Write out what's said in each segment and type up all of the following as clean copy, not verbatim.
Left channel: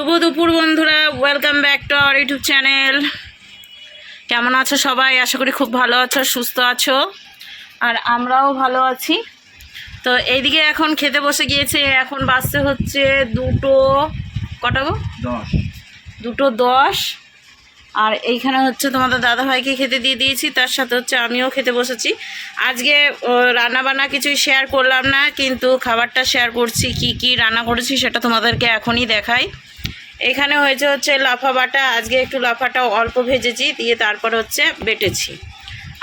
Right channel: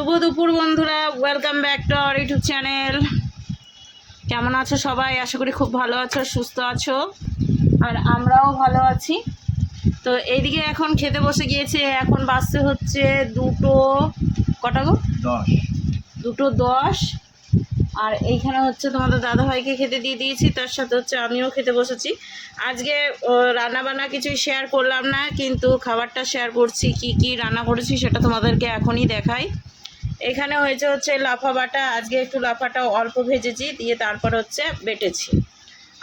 শুভ দুপুর বন্ধুরা, welcome back to our YouTube channel. কেমন আছো সবাই? আশা করি খুব ভালো আছো, সুস্থ আছো, আর আমরাও ভালো আছি। তো এইদিকে এখন খেতে বসে গিয়েছে। এখন বাজতে হচ্ছে 2টো কটা গো 2:10। আর এইখানে হচ্ছে তোমাদের দাদাভাইকে খেতে দিয়ে দিয়েছি, তার সাথে হচ্ছে আমিও খেতে বসেছি। আজকে রান্নাবান্না কিছুই শেয়ার করলাম না, কিন্তু খাবারটা শেয়ার করছি। কি কি রান্না করেছি সেটা তোমাদেরকে এখনই দেখাই। এখানে হচ্ছে লাফা বাটা। আজকে একটু লাফাটা অল্প ভেজেছি, দিয়ে তারপর হচ্ছে বেটেছি।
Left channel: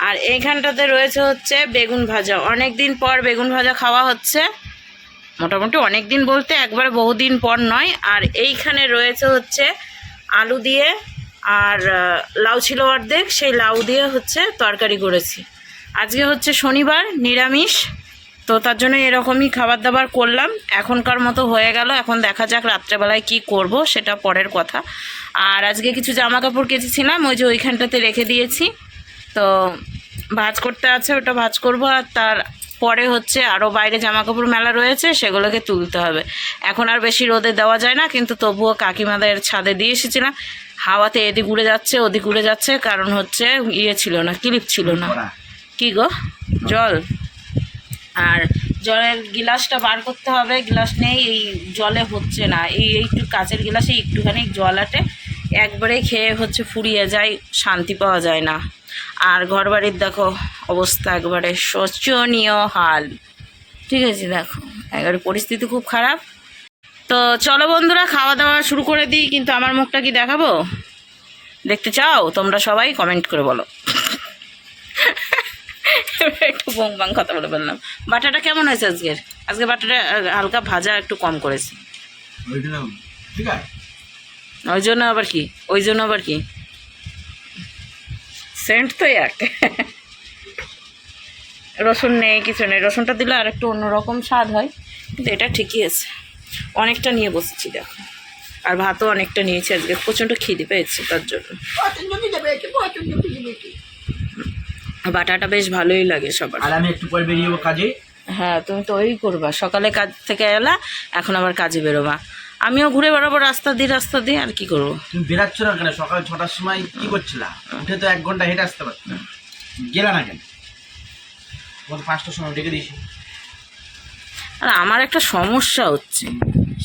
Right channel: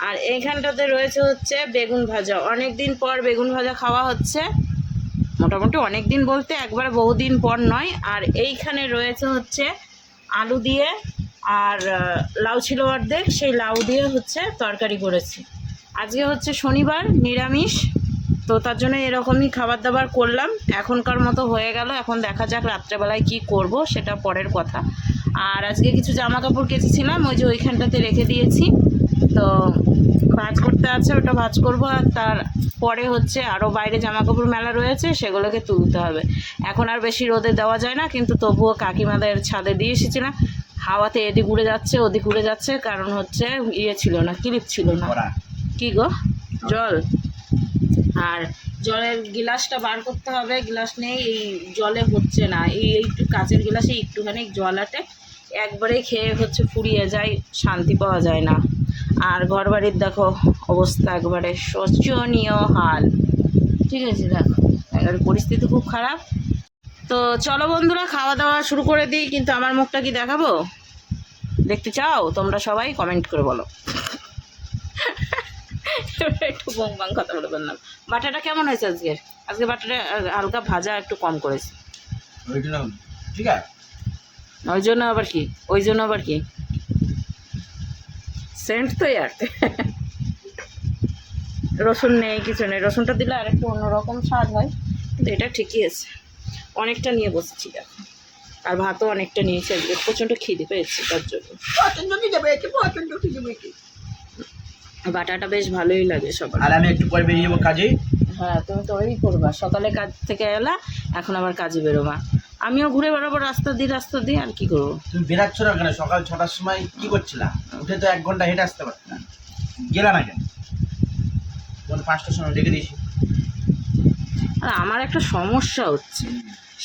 আর এইখানটাতে হচ্ছে বেগুন ভাজা। অনেক দিন পর বেগুন ভাজা খাওয়া হচ্ছে, মোটামুটি অনেক দিন বলতে একবারে বহুদিন পর নয়। আর এইখানে হচ্ছে আলু দিয়ে, আর লাউ ছিল অর্ধেক, সেই লাউ দিয়ে হচ্ছে তরকারি করেছি। আজকে হচ্ছে শনিবার, নিরামিষ, তো তার জন্য এরকমই খাবার দাবার করলাম। এখনকার মতো হয়ে গেল। এখন দেখা যাক রাত্রেবেলায় কি করব, সেটা পরের কথা। আর আজকে কিছু জামা কাপড় কেচেছিলাম, ওই যে ওইখানটাতে রেখে দিয়েছি। তো ভাঁজ করতে আছে, ওটা ভাঁজ করব। আর তার পরে হচ্ছে আরও বাইরে জামা কাপড় মেলা রয়েছে, সেগুলোকে তুলতে হবে। এখন আর বেশি রোদে দেওয়া যায় না, কিন্তু তবুও কাকিমাদের ছাদে দিয়ে এসেছিলাম। হাওয়াতে এদিক উড়ে যাচ্ছে, ওদিক উড়ে যাচ্ছে, কারণ হচ্ছে ছিল না, ক্লিপ ছিল না। কি গো, জল? আর জলের গিলাসটা বার করতে হবে, গিলাস নেই, এই জলে হচ্ছে না। একটু কাচের গিলাসে একটুখানি জল আটে, একবারে খেয়ে হচ্ছে ফুরিয়ে যায়, শান্তি পাওয়া যায় না। আর ঘরবাড়ির দেখো অবস্থা, একবারে শোচনীয় হাল। ঠিক আছে, দেখো একবারে পরিস্থিতি খুব খারাপ। তো চলো বন্ধুরা, খাওয়া দাওয়া শুরু করে দিই। কিন্তু আমার মুখটা কি দেখাবো? দেখতে চাও তোমরা? সবাই কমেন্ট করে বলো। একটু বং বাং কথা বলে বললাম। বাটাটা কেমন হয়েছে আজকে বাটাটা হালকা ভাজা, একটু কম করেছি। ওই জন্য আবার কি সেন্ট তো এক। রসুন নেই, কিছু নেই। রসুনটা দিলে আর একটু অন্যরকম স্বাদ হয়, কিন্তু এটা ঠিকই আছে। অনেকটা নিয়ে বসেছি দেখো, আর ভাতও অনেকটা নিয়েছি। আজকে প্রচণ্ড খিদে পেয়েছে, তার জন্য। বাটাটা বেশ ভালোই লাগে সবার। আর আমি একটু পরে বেরিয়ে যাবো কাজে। হ্যাঁ, তুমি তো ওই করবা, সকালে কাজ থেকে এলা, এখন আবার কাজে বেরোবা। আমিও ঘুরে বেড়াবো রাস্তা দিয়ে, আর কি করবো। তুমি বেরাচ্ছ না কেন? সকাল 6টার সময় কি করছিলা? উঠে তো 1 ঘন্টা হেঁটে আসতে পারত না, গেলা না কেন? 5টার সময় ডেকে দিয়েছি। আর আমার একটা সমস্যা হচ্ছে,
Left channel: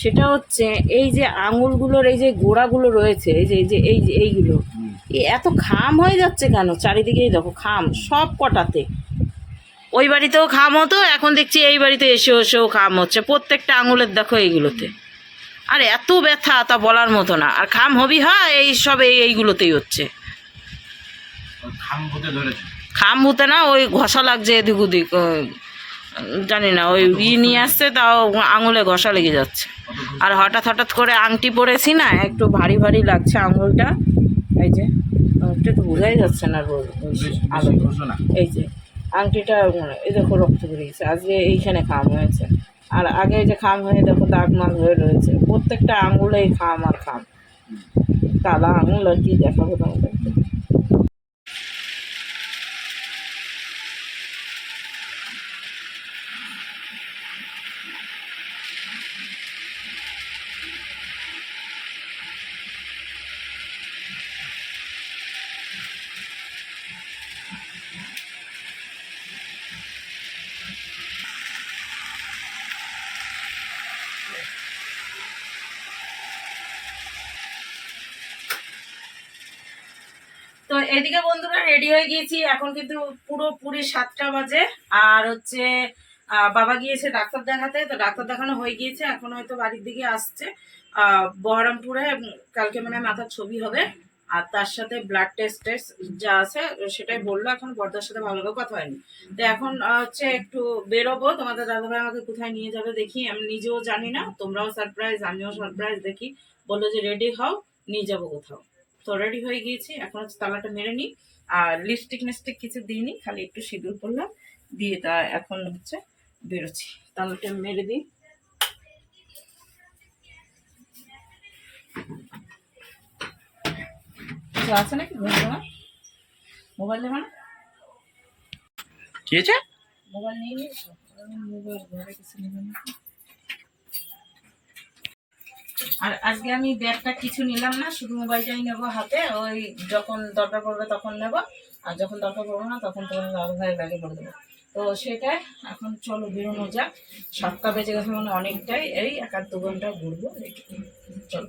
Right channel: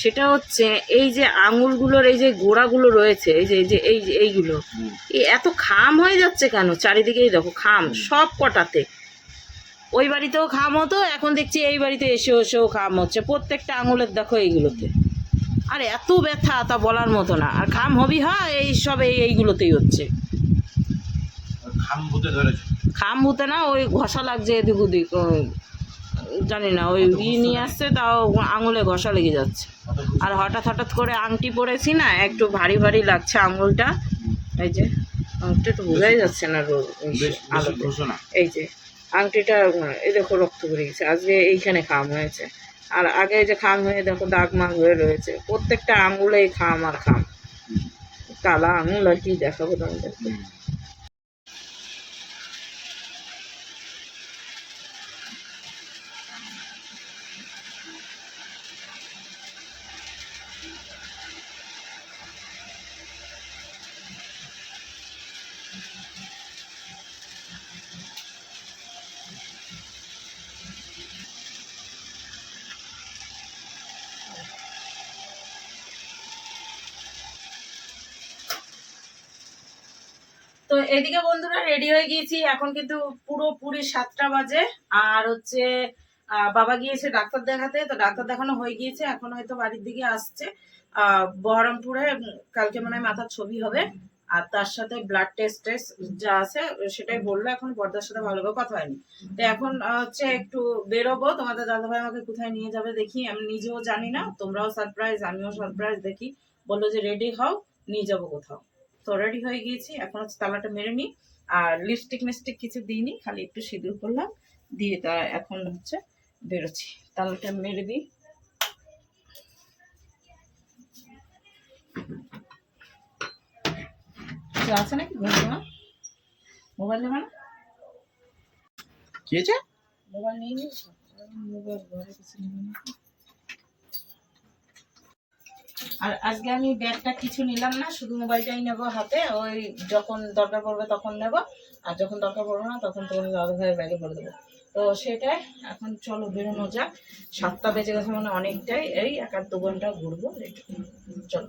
সেটা হচ্ছে এই যে আঙুলগুলোর এই যে গোড়াগুলো রয়েছে, এইগুলো এত খাম হয়ে যাচ্ছে কেন? চারিদিকেই দেখো খাম, সব কটাতে। ওই বাড়িতেও খাম হতো, এখন দেখছি এই বাড়িতে এসেও খাম হচ্ছে। প্রত্যেকটা আঙুলের দেখো এইগুলোতে। আর এত ব্যথা, তা বলার মতো না। আর খাম হবি এইসব এইগুলোতেই হচ্ছে। খাম ভূতে না, ওই ঘষা লাগছে এদিক ওদিক, জানি না, ওই নিয়ে আসছে, তাও আঙুলে ঘষা লেগে যাচ্ছে। আর হঠাৎ করে আংটি পরেছি না, একটু ভারী ভারী লাগছে আঙুলটা। এই যে আংটি তো বোঝাই যাচ্ছে না আলোতে। এই যে আংটিটা, এই দেখো রক্ত বেরিয়ে গেছে। আজকে এইখানে খাম হয়েছে, আর আগে যে খাম হয়ে দেখো দাগ মাগ হয়ে রয়েছে। প্রত্যেকটা আঙুলেই খাম আর খাম। কালা আঙুল, আর কি দেখাবো তোমাদেরকে। তো এদিকে বন্ধুরা রেডি হয়ে গিয়েছি। এখন কিন্তু পুরোপুরি 7টা বাজে। আর হচ্ছে বাবা গিয়েছে ডাক্তার দেখাতে, তো ডাক্তার দেখানো হয়ে গিয়েছে। এখন হয়তো বাড়ির দিকে আসছে বহরমপুরে। কালকে মনে হয় মাথার ছবি হবে, আর তার সাথে ব্লাড টেস্ট যা আছে সেটাই বললো। এখন বর্দার সাথে ভালোভাবে কথা হয়নি। তো এখন হচ্ছে একটু বেরোবো। তোমাদের দাদাভাই আমাকে কোথায় নিয়ে যাবে দেখি, আমি নিজেও জানি না। তোমরাও সারপ্রাইজ, আমিও সারপ্রাইজ। দেখি, বললো যে রেডি হও, নিয়ে যাবো কোথাও। তো রেডি হয়ে গিয়েছি। এখন হচ্ছে তালাটা মেরে নিই। আর লিপস্টিক কিছু দিইনি, খালি একটু সিঁদুর করলাম, দিয়ে তা এখন হচ্ছে বেরোচ্ছি। তালাটা মেরে দিই। আছে নাকি মোবাইল নেবে না? কি আছে? মোবাইল নিয়ে নিয়েছো? মোবাইল ঘরে কিছু নেবে না? আর আজকে আমি ব্যাগটা কিছু নিলাম না, শুধু মোবাইলটাই নেবো হাতে, ওই যখন দরকার পড়বে তখন নেব, আর যখন দরকার পড়বে না তখন তোমার দাদা ভাইয়ের ব্যাগে ভরে দেবো। তো সেটাই এখন চলো বেরোনো যাক, 7টা বেজে গেছে মানে অনেকটাই, এই 1-2 ঘন্টা ঘুরবো এইটুকু। চলো।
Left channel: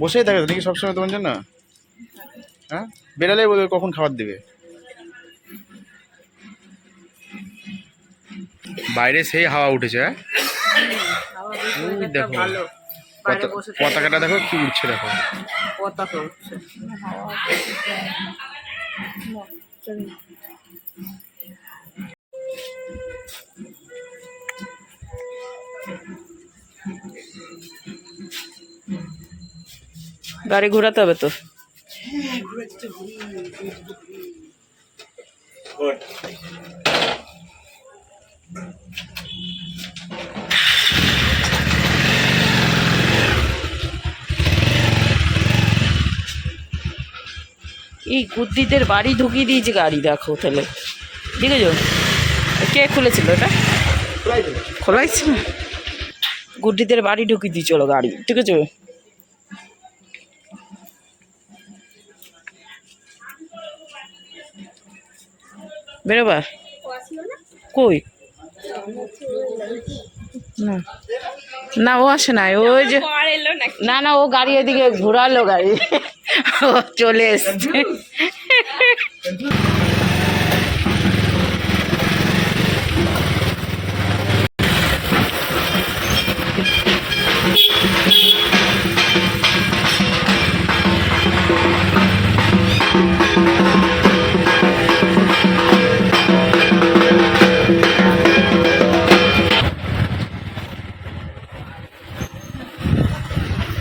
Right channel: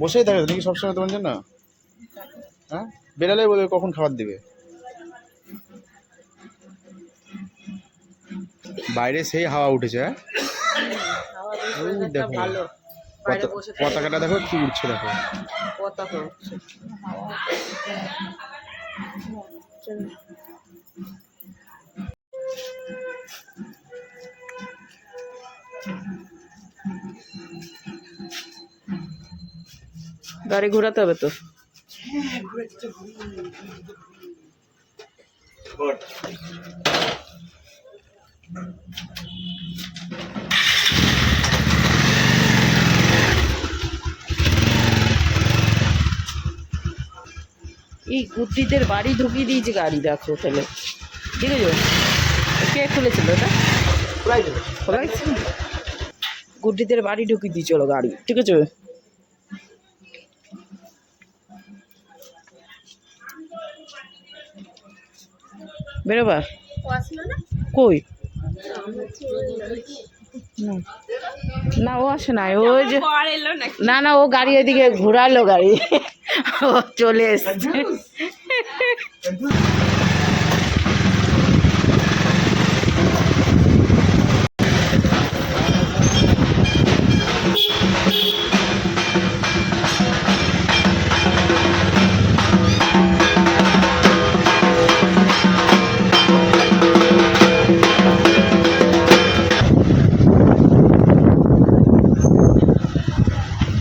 বসেই থাকে নাকি সবসময় তোমার জন্য? হ্যাঁ, বেরালেই বলবে কখন খাবার দেবে। বাইরে সেই হাওয়া উঠেছে। হ্যাঁ, ওই দেখো পতাকাটা দেখো কি উঠছে, দেখো পতাকা উঠছে, গাড়ি ঘোরাতে হবে তো। এই গুদ্দিদের বাড়ি ঢুকিয়ে দিয়েছে গাড়ি, দেখো তাহলে ঠিক আছে। কে খুলেছিল ওটা? খোলাই ছিল। গুড্ডিদের বাড়ি ঢুকিয়ে দিয়েছিল গাড়ি, ঠিক আছে। বেরোবা কই? না না, ও আসে না, ওই যে না না, ও গাড়ি ওইদিকে ঘোরালো গাড়ি, ও চলে এসছে।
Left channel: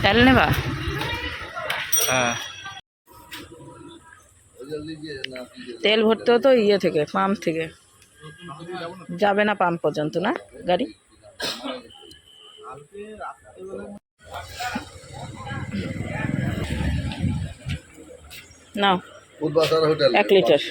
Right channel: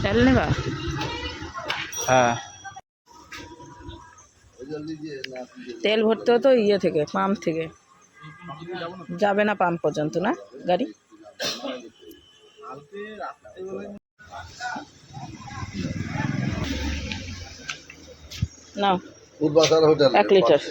তেল নেবা? হ্যাঁ, তেল ভরতে হতো ইয়ে থেকে, পাম্প থেকে। যাবে না পাম্প পর্যন্ত না গাড়ি? নাও 1 লিটার।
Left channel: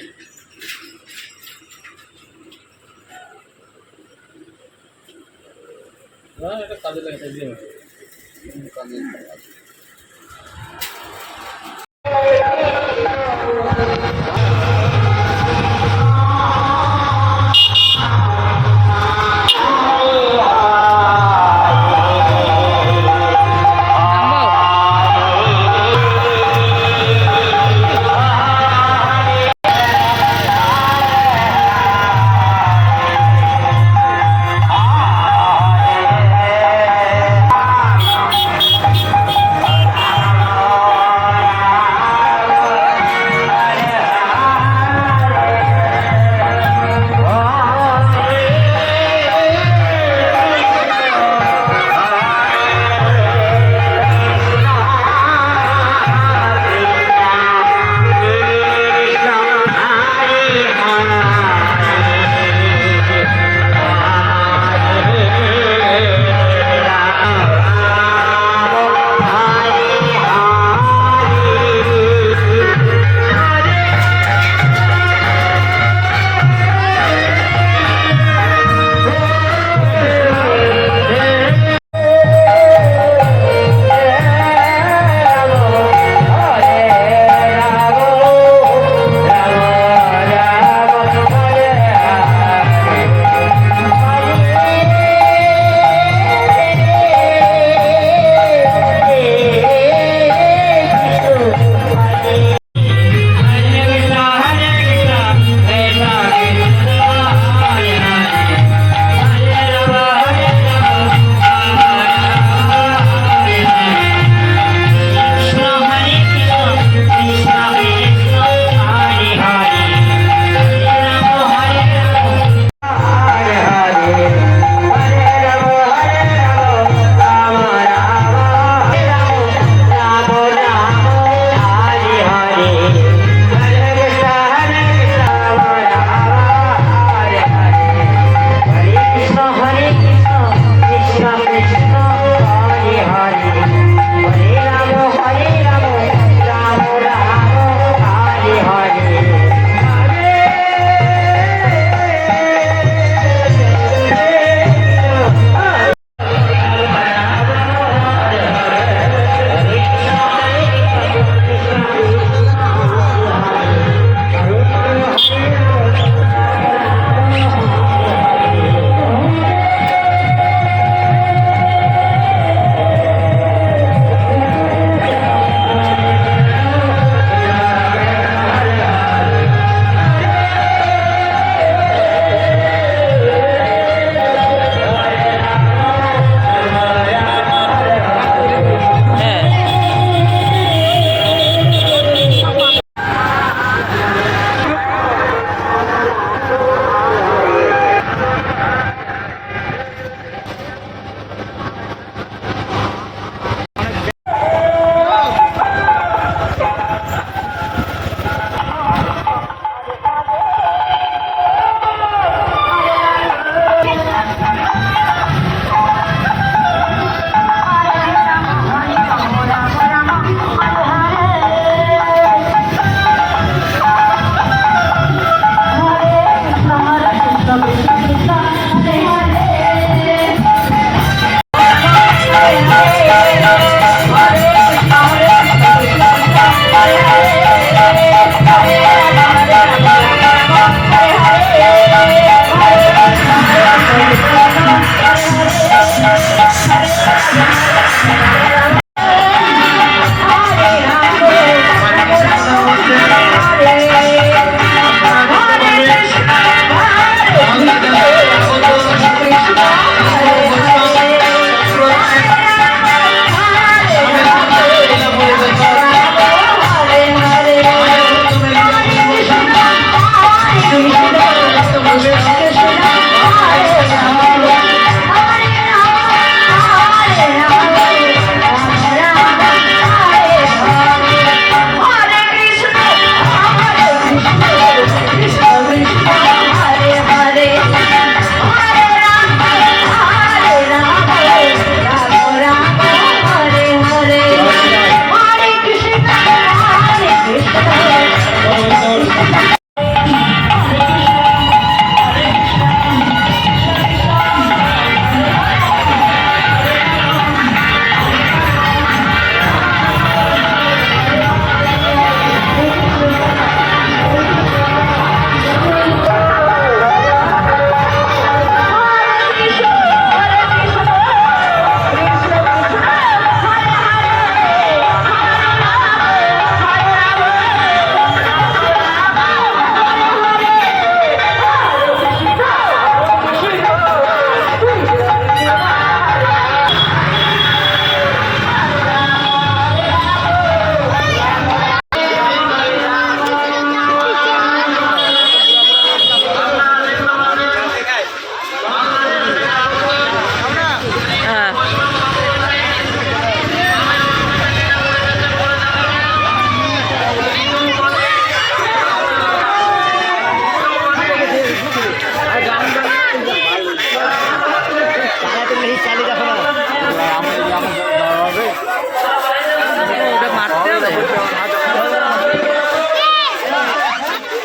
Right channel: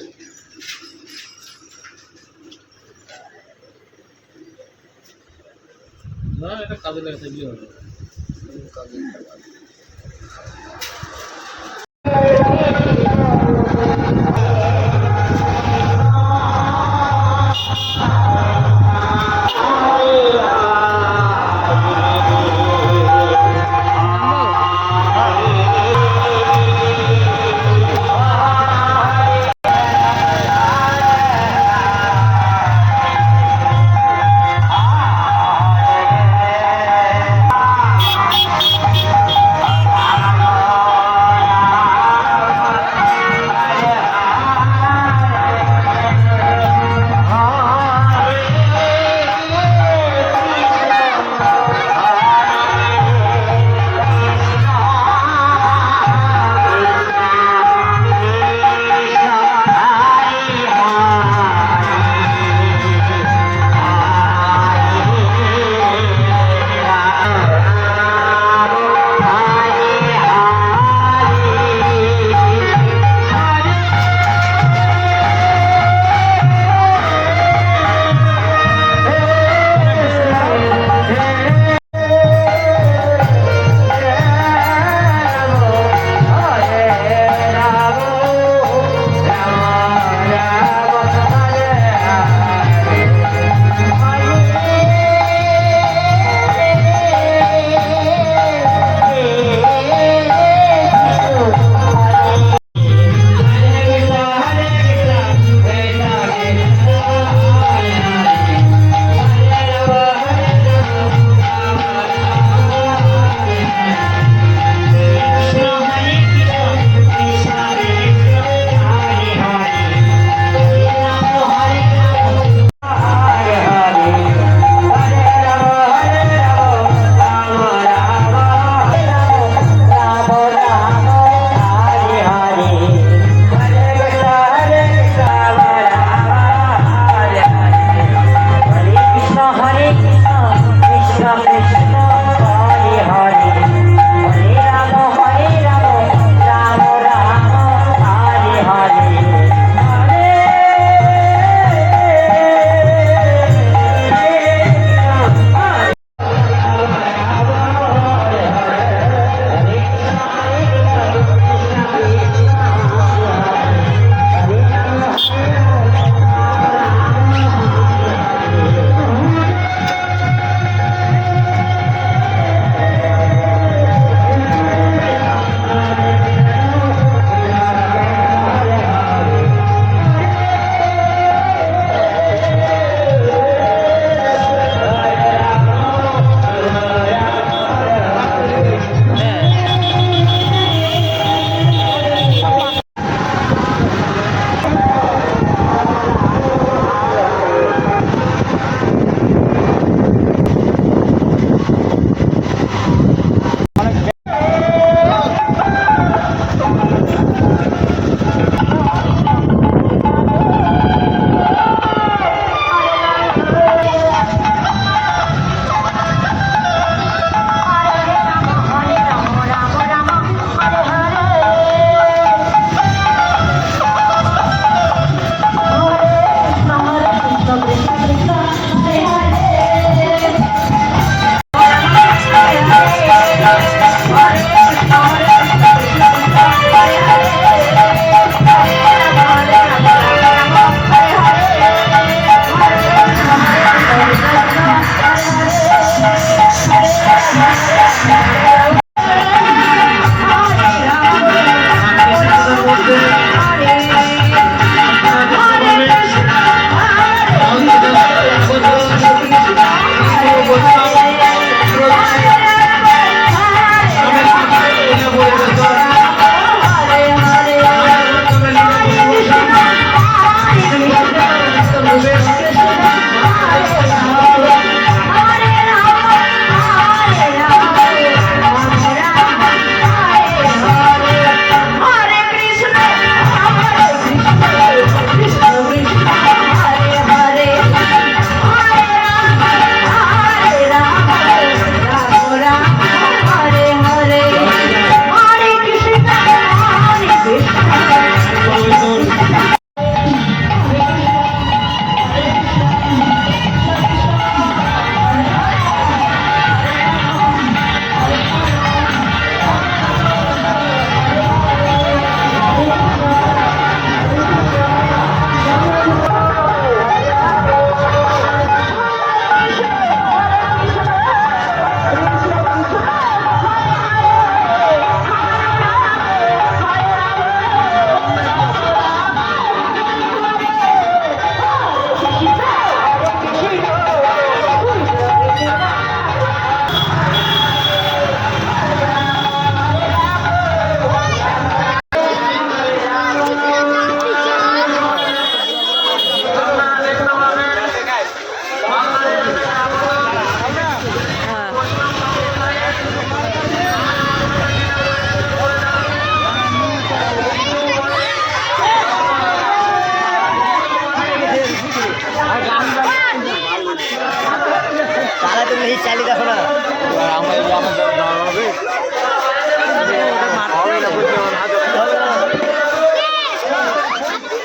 ওটা মারতে হবে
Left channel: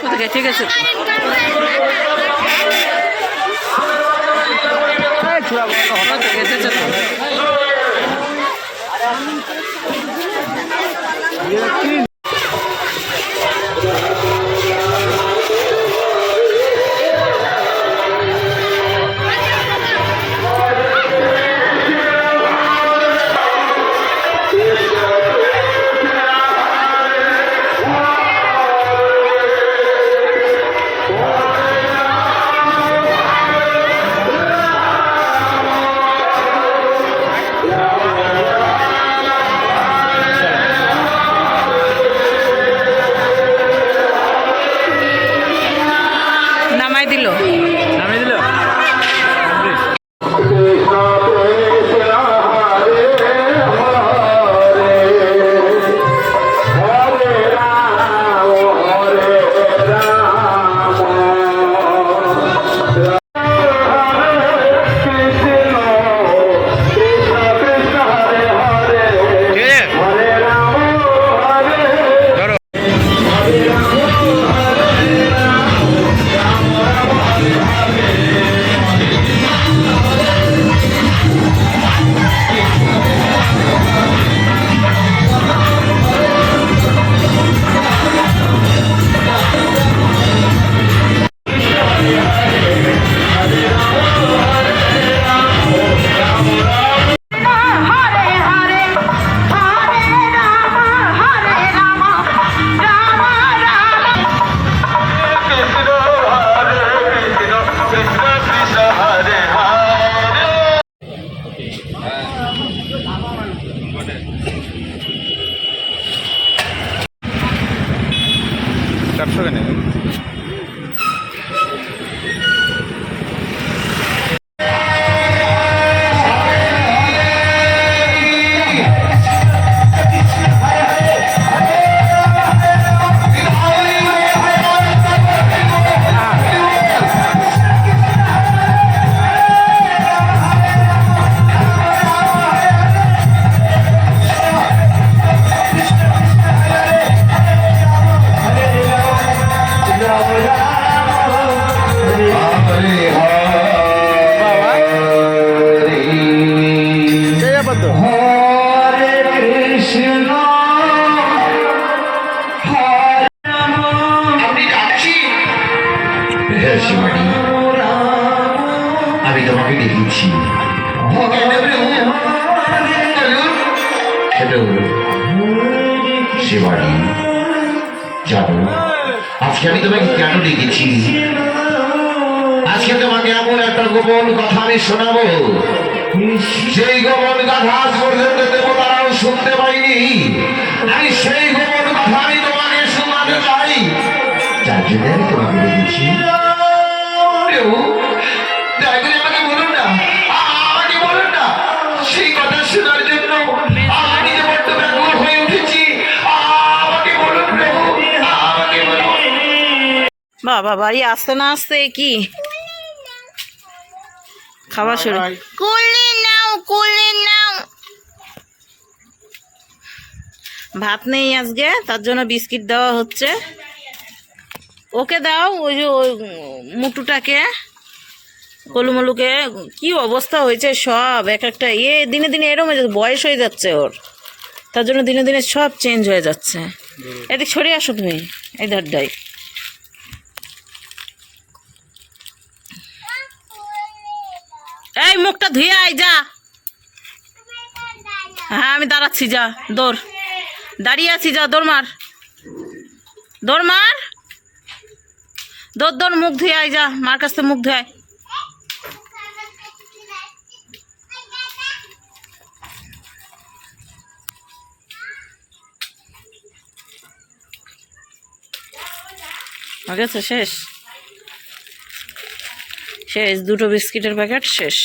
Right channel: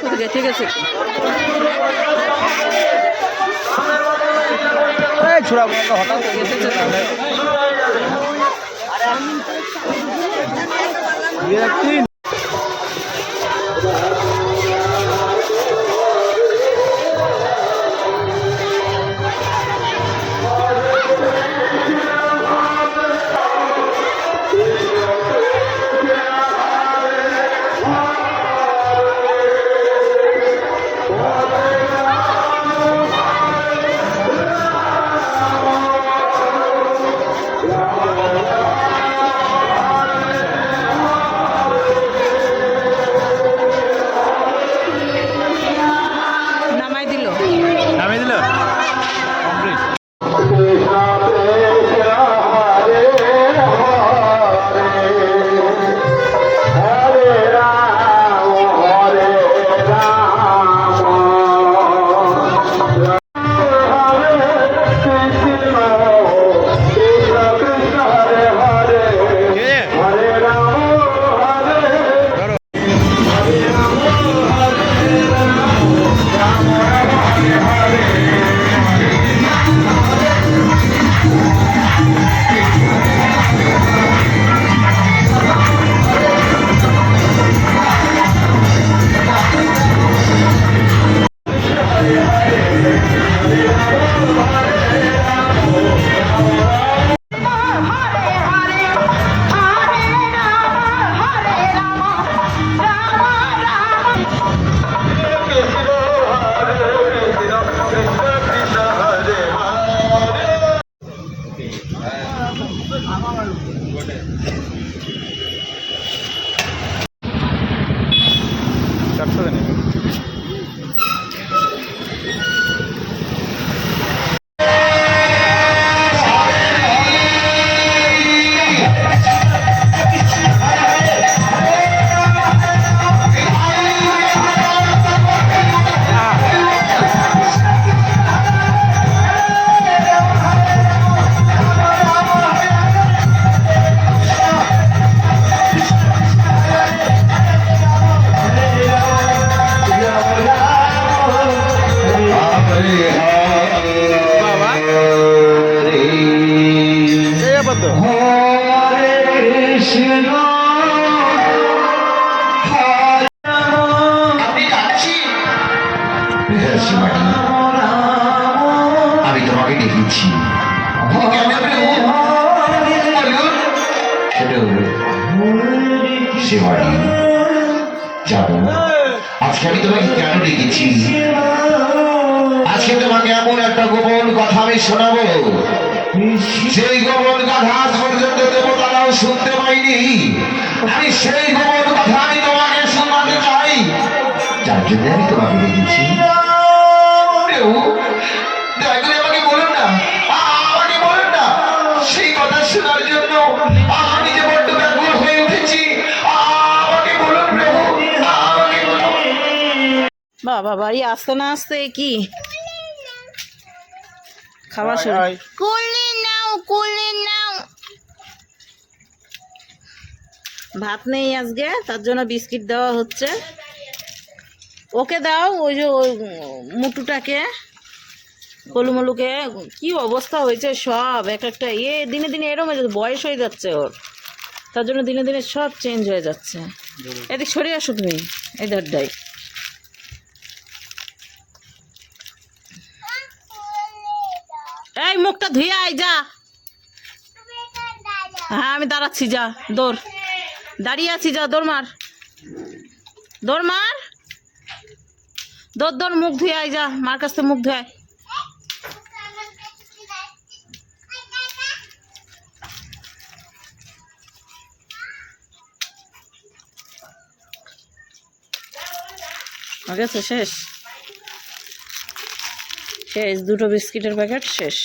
ওদিকে, ঠিক আছে। গেতেছে তো। নামাই দিল। নামিয়ে দিল। চারশো কেন? বাবা সেই ব্যাপার তো। আমি তোমাকে দেখেছি সে বাড়ি জানো আজকে আমি তোমাকে কেন ডেকেছি? আজকে তোমাকে এমন একটা গোপন কথা আমি শোনাবো, সেই গোপন কথা আজ পর্যন্ত দেবতারাও শুনতে পাইনি। আমি সেই গোপন কথা আমি তোমাকে শোনাতে চাই, যার জন্য আমি তোমাকে ডেকেছি। দয়া করে আমাকে বলুন না, আমাকে বলুন না, সেই কথা শোনার জন্য আমি যে বড্ড ব্যাকুল হয়ে উঠেছি। আমাকে বলুন প্রভু, আমাকে বলুন। বাবা বাড়ি আসতে না আসতে কি খাবার শুরু। কুলি নাও, কুলি নাও। ভাত নেই আজকে, তার জন্য বিস্কিট দেওয়া হচ্ছে। ওকে দাও, ওই যে ওই মুটুটাকে, কলুমলুকে। কি অবস্থা হয়েছে সব, এক একটা দিনে দিনে এরম হয়ে যাচ্ছে, বয়স হয়ে যাচ্ছে ওর, তার জন্য দিনে দিনে সব চেঞ্জ হয়ে যাচ্ছে। এদিক সরিয়ে আসো তুমি, এই ধারটাই। এই মুখটা ধুয়ে আয় যা। হ্যাঁ আমি দাঁড়াচ্ছি, যা দৌড়, দাঁড়িয়ে আছি, যা দৌড় মার, দৌড় মার, দৌড় দৌড়, মুখ ধুয়ে আয়, যা মার কাছ থেকে মুখ ধুয়ে আয়। গেছে, শেষ শেষ, দুটো বিস্কিটের প্যাকেট শেষ।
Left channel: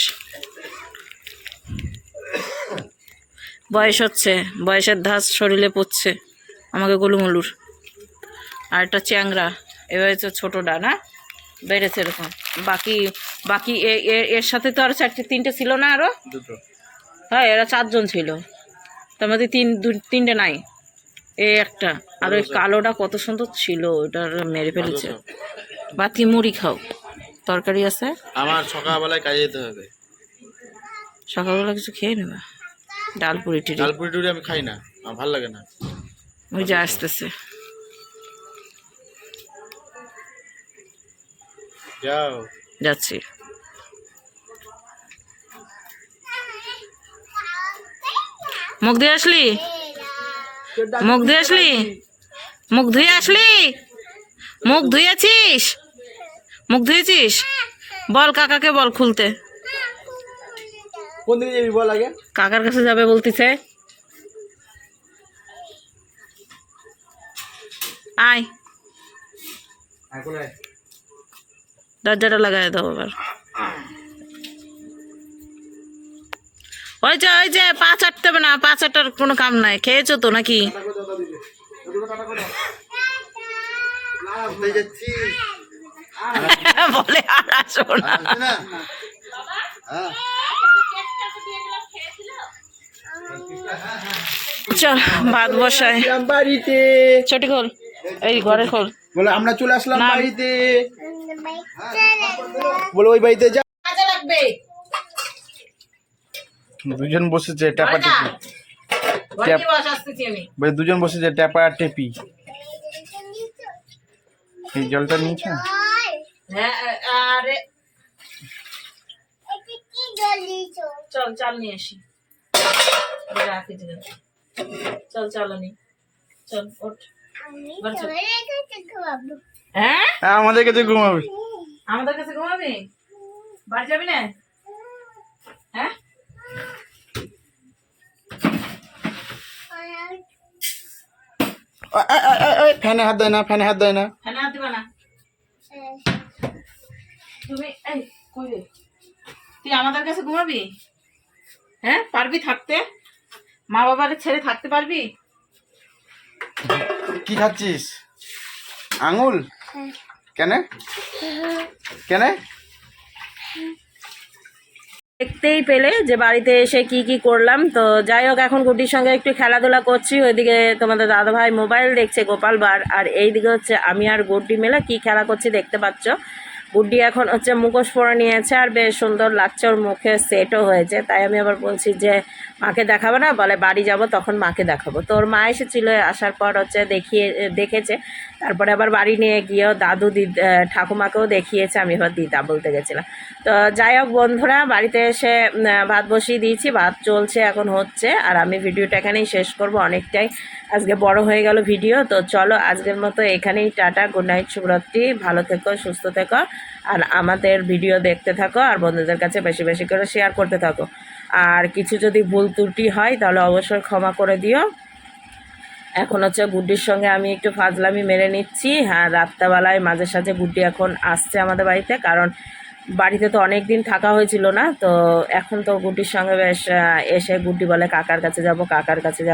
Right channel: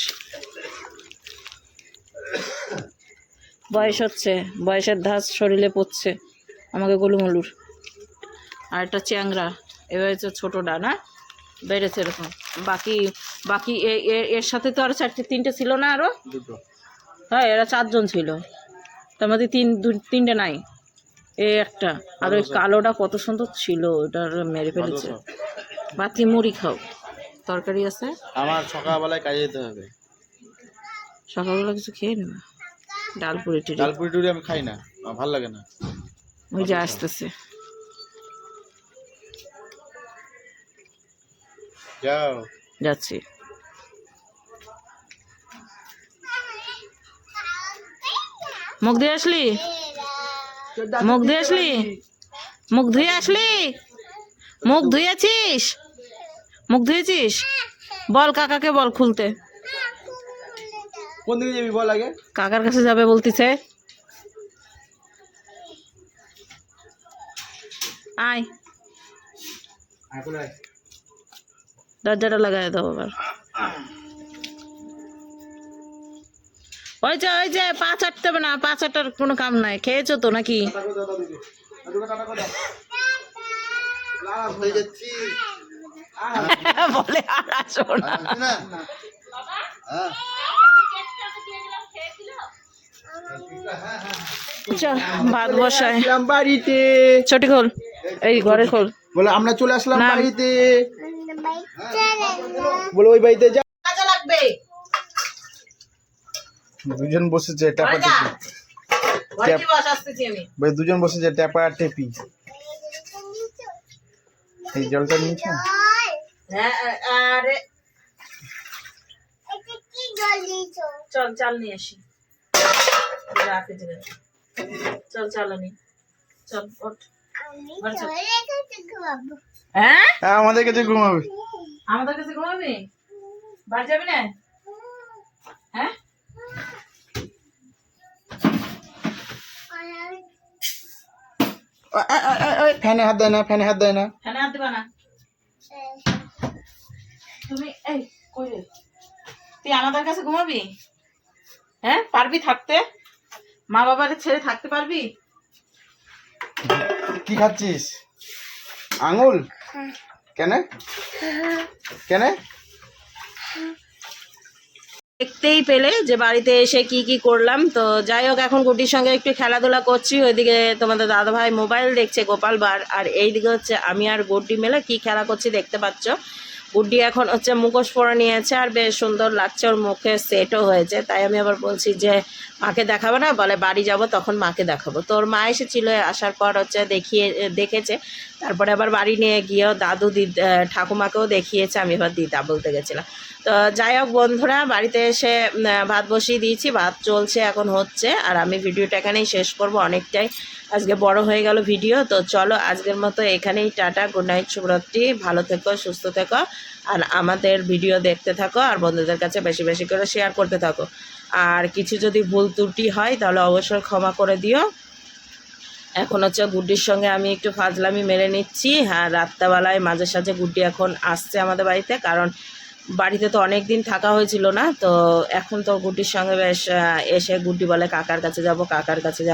বয়স হচ্ছে, বয়সের ধাঁচ শরীরে পড়ছে আমাকে গোলুমলুর। আর একটা চ্যাংরা, এবার হচ্ছে ছোটোটা না, বেড়েছে এরকম। বাকি বাকি এর সাথে তো আরো 3টে ছিল না আরো? দুটো। হ্যাঁ, এরা 4 জন ছিল, তার মধ্যে 3টে নাই, এই একটা। আর ওই কালোটা কত সুন্দর ছিল, ওটা মেরে ফেলেছে। বাতি মুড়ি খাও, তরকারি আছে। আমার সকালবেলায় কাজে যেতে হবে। সকালবেলা কিছু খেয়ে নেবা, ডাল পুরি টুরি। ডাল পুরি টুরি আমি খাই না, আমার ভালো লাগে না। ওই যে আসতেছে। যাও। যাচ্ছি। মুখ ধুয়ে আসলি? মুখ ধুয়ে আসলি? মুখ ধুয়ে আসলি? মুখ ধুয়েছিস? মুখ ধুয়েছিস? বল কাকাকে, বল খুলতে। কোন দিকে যাবি বল আগে? কাকার কাছে যাবে বলতেছে। আয়, দরজাটা লাগাই দাও আবার। ওই যে পা চাটতে হবে না, পা চাটার কোনো কাম নাই। খেয়েছো তো নাকি? বলে আর আসো না। চল ভাত বসায়। বাড়িতে ছোটি খোল, এই ঘরে খোল। বলে আমরা চলে আসলাম না। বাড়িতে। বলে ওই বাড়িতে যা। কাজে লাগবে। দুজন বসেছে ট্যাপা টেপি। ঘরে কি বস, আসতেছি আমি। ভাই দুজন বসেছে ট্যাপা আর টেপি। এই জলটা নিয়েছ? হ্যাঁ, আরে চল চাল নিয়ে আসি। রাখে যে চল চালানি, চল ওঠ। হ্যাঁ, আমাদের কাছে ঘুমাবি। আমাদের কাছে ঘুমাবি? বাড়ি যাবি না? হ্যাঁ, ফ্যানে হাত দেয় না, ফ্যানে হাত দেয় না। ফ্যানে হাত দিবা না তুমি। এই কই রে, তুই আমাদের কাছে ঘুমাবি? হ্যাঁ, পারবি থাকতে? মা বাবারে ছেড়ে থাকতে পারবি? কি খাচ্ছিস? আঙুল? কেন কেন? দেখতেই পেলে যে বাড়িতে এসে কি কি করলাম। তো যাই হোক, এখন গুড্ডির সঙ্গে একটু খেলাধুলা করছি। ওইদিকে তোমাদের দাদাভাই মোবাইল দেখছে গোপাল বার, আর এইদিকে হচ্ছে আমি আর গুড্ডি মেলে কি খেলা করছি দেখতে পাচ্ছ। গুড্ডি এখন হচ্ছে মুখোশ পরে নিয়েছে, আর বেশ সুন্দর লাগছে, ওর মুখে সেটও হয়েছে। তাই আমি আবার বলছি যে মাকে দেখাবো না, বলে বাড়ি যাব তখন মাকে দেখাবো। তো ওর মা এসেছিল, আসার পর হচ্ছে দেখেছে, তারপরে আবার বাড়ি নিয়ে গিয়েও দাদু ঠাকুমাকেও দেখিয়েছে। আমি এবার দিদা বলতে গেছিলাম। তো যাই হোক বন্ধুরা, বাড়িতে এসে ভাত বসিয়ে দিয়েছি, ভাত চলছে, এখন হচ্ছে। আর আমি ভিডিওটা এখানেই শেষ করব, অনেকটাই আজকে বড় হয়ে গেল ভিডিও। তো চলো আজকের মতো এখানেই টাটা, গুড নাইট, শুভরাত্রি, ভালো থেকো, সুস্থ থেকো, আর আমাদের ভিডিও দেখতে থাকো, আর বন্ধুদের কাছে বেশি বেশি করে শেয়ার করতে থাকো। আর কিছু যদি ভুল ত্রুটি হয় তাহলে অবশ্যই ক্ষমা করে দিও। এখন হচ্ছে গুড্ডির সঙ্গে আমি একটু ফাজলামি মেরে নিচ্ছি। হ্যাঁ, রাত্রেবেলায় মাঝে সাঝে গুড্ডি এখন আসছে আমাদের বাড়িতে, কারণ বাড়িতে তো অনেক দিন থাকা হয়েছিল না। তো এখন তো গুড্ডির সঙ্গে বেশ এসে গুড্ডি বলে কাকার কাছে যাব, কাকার কাছে যাব।